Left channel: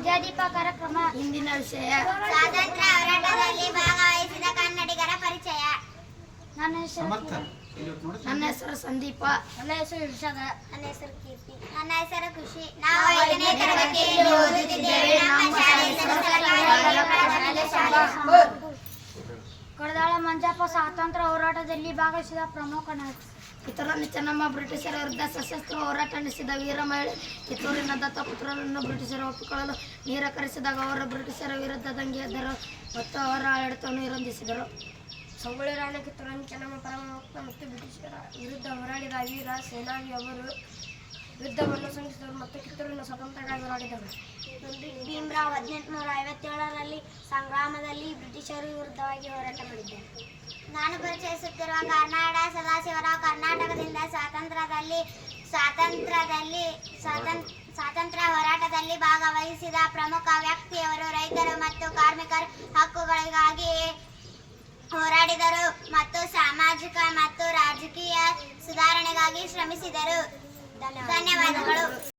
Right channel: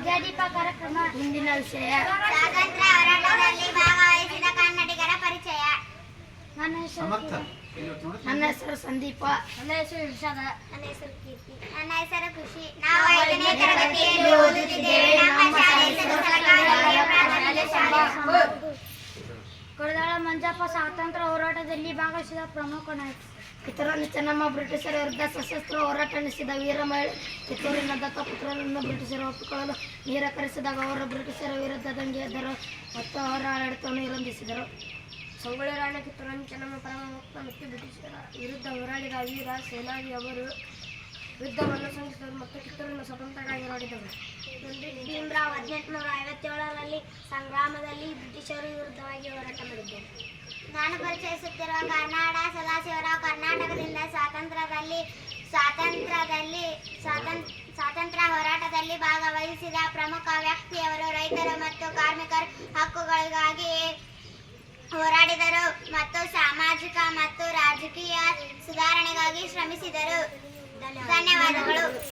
ವಿದ್ಯಾದೀಪ ಕಾರ್ಯಕ್ರಮ ಇಂದಿನ ವಿಷಯ. ಸ್ವಾತಂತ್ರ್ಯ ಹೋರಾಟದಲ್ಲಿ ಭಾಗವಹಿಸಿದ ಕನ್ನಡಿಗರ ಪರಿಚಯ. ನನ್ನ ಹೆಸರು ನನ್ನ ಹೆಸರು ಸಂದೀಪ. ನನ್ನ ಹೆಸರು ಇರ್ಷದ ನನ್ನ ಹೆಸರು ಕೀರ್ತಿ. ನನ್ನ ಹೆಸರು ಖುಷಿ. ನಾವು ಐದನೇ ತರಗತಿಯಲ್ಲಿ ಓದುತ್ತಿದ್ದೇವೆ. ನಮ್ಮ ಶಾಲೆ ಹೆಸರು ಸರ್ಕಾರಿ ಹಿರಿಯ ಪ್ರಾಥಮಿಕ ಶಾಲೆ ಕೊಡದಾಳ ಮಂಜಪ್ಪ ಸ್ವಾತಂತ್ರ್ಯ ಹೋರಾಟದಲ್ಲಿ ಭಾಗವಹಿಸಿದ ಪ್ರಮುಖ ನಾಯಕ. ಚೆನ್ನಮ್ಮ ಬ್ರಿಟಿಷರ ವಿರುದ್ಧ ಸಶಸ್ತ್ರ ಹೋರಾಟ ನಡೆಸಿದ ವೀರ ಮಹಿಳೆ. ಕಿತ್ತೂರಿನ ದತ್ತಪುತ್ರರನ್ನು ಬ್ರಿಟಿಷರು ಒಪ್ಪಿಕೊಳ್ಳಲು ನಿರಾಕರಿಸಿದಾಗ ಅವರು ಬ್ರಿಟಿಷರ ವಿರುದ್ಧ ದಂಗೆ ಎದ್ದರು. ಮತ್ತು ಅವರ ಆಡಳಿತವನ್ನು ವಿರೋಧಿಸಿದರು ಸಂಗೊಳ್ಳಿ ರಾಣಿ ಕಿತ್ತೂರನ್ನು ಚೆನ್ನಮ್ಮ ಪರಮಭಕ್ತ ಮತ್ತು ಬ್ರಿಟಿಷರ ವಿರುದ್ಧ ಹೋರಾಡಿದ ವೀರ ಸೇನಾನಿ ಅವರು ಯುದ್ಧವನ್ನು ಸಂಘಟಿಸಿದರು ಮತ್ತು ಕಿತ್ತೂರಿನ ಸ್ವತಂತ್ರರಾಗಿ ಹೋರಾಡಿದರು. ಭೀಮ್ರಾವ್ ಹದಿನೆಂಟು ಹದಿನೆಂಟುನೂರ ಐವತ್ತೇಳರಲ್ಲಿ ಸಂಗ್ರಾಮದಲ್ಲಿ ಬ್ರಿಟಿಷರು ವಿರುದ್ಧವಾಗಿ ಹೋರಾಟ ಮಾಡಿದ್ದಾರೆ. ನಾನು ಪರಿಚಯಿಸುತ್ತಿರುವ ಕನ್ನಡ ಸದಾಶಿವರ ಕರ್ನಾಟಕದಿಂದ ಸ್ವಾತಂತ್ರ್ಯದಲ್ಲಿ ಸ್ವಾತಂತ್ರ್ಯದಲ್ಲಿ ಸ್ವಾತಂತ್ರ್ಯ ಸ್ವಾತಂತ್ರ್ಯ ಹೋರಾಟದಲ್ಲಿ ಭಾಗವಹಿಸಿದ ಪ್ರಮುಖ ವ್ಯಕ್ತಿಯವರು ರೈತರು ಮತ್ತು ಕಾರ್ಮಿಕರ ಹಕ್ಕುಗಳಿಗಾಗಿ ಹೋರಾಡಿದರು ಮತ್ತು ಸಾಮಾಜಿಕ ಮತ್ತು ರಾಜಕೀಯ ಸುಧಾರಣೆಗಾಗಿ ಶ್ರಮಿಸಿದರು. ಧನ್ಯವಾದಗಳು.